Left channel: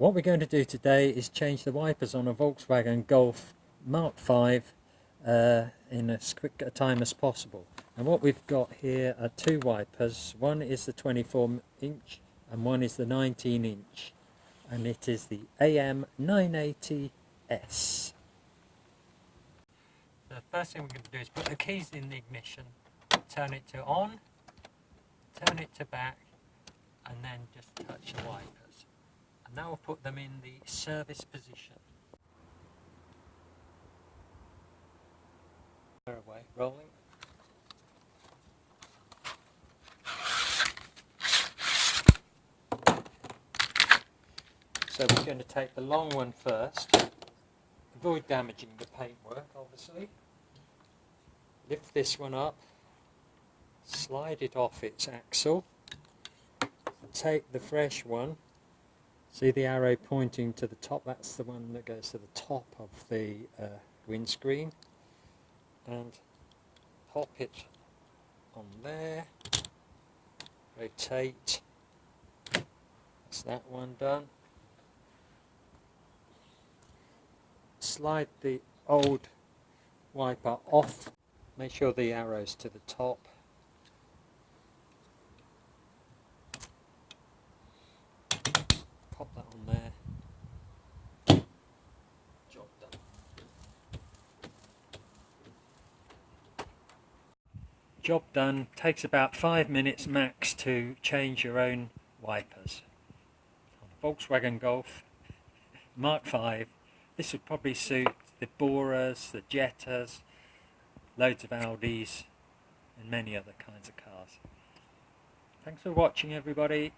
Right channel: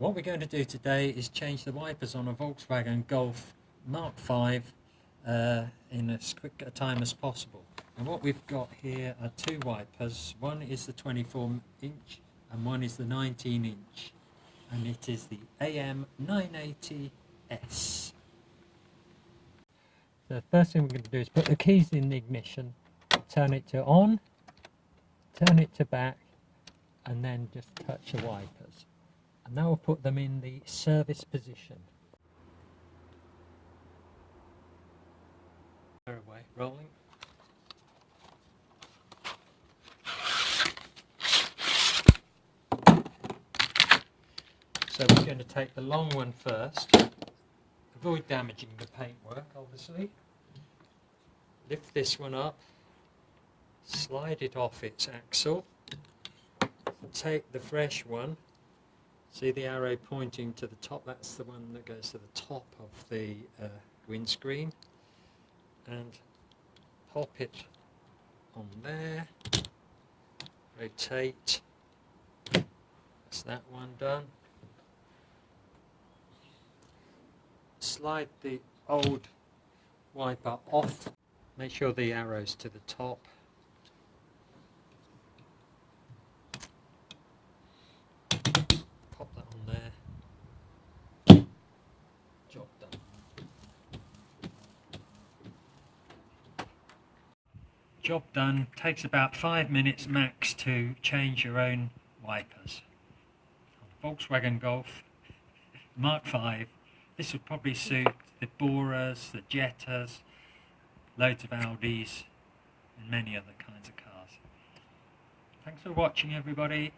What we're going to do today is change the wipers on a Volkswagen Golf Mk5 in as quick a time as possible. And what we've got here are two wipers. One is the 24-inch and one is the 19-inch. And it is the AM980S. The first thing we're going to do is put the keys in the ignition, turn it to on, turn it to back, and then just touch the wipers. And now we'll put them in the service position. Away, rolling. So we're going to take the long one first, avoid damaging the paintwork obviously. Lift this one up, slide it off its axle, take the fresh one. See the arrow pointing to the top? That's the one that goes to the top of the windscreen. And pop it on there. Rotate. That's that one done. Slide the old wiper off. Make sure the arrow's to the top. Pop that on there. Job done. Job done. Takes about 5 minutes max to change your own wipers. On a Volkswagen Golf Mk5, this would probably suit the Boras, the Jettas, loads of Audis and many other kinds of cars. Thanks for watching everybody.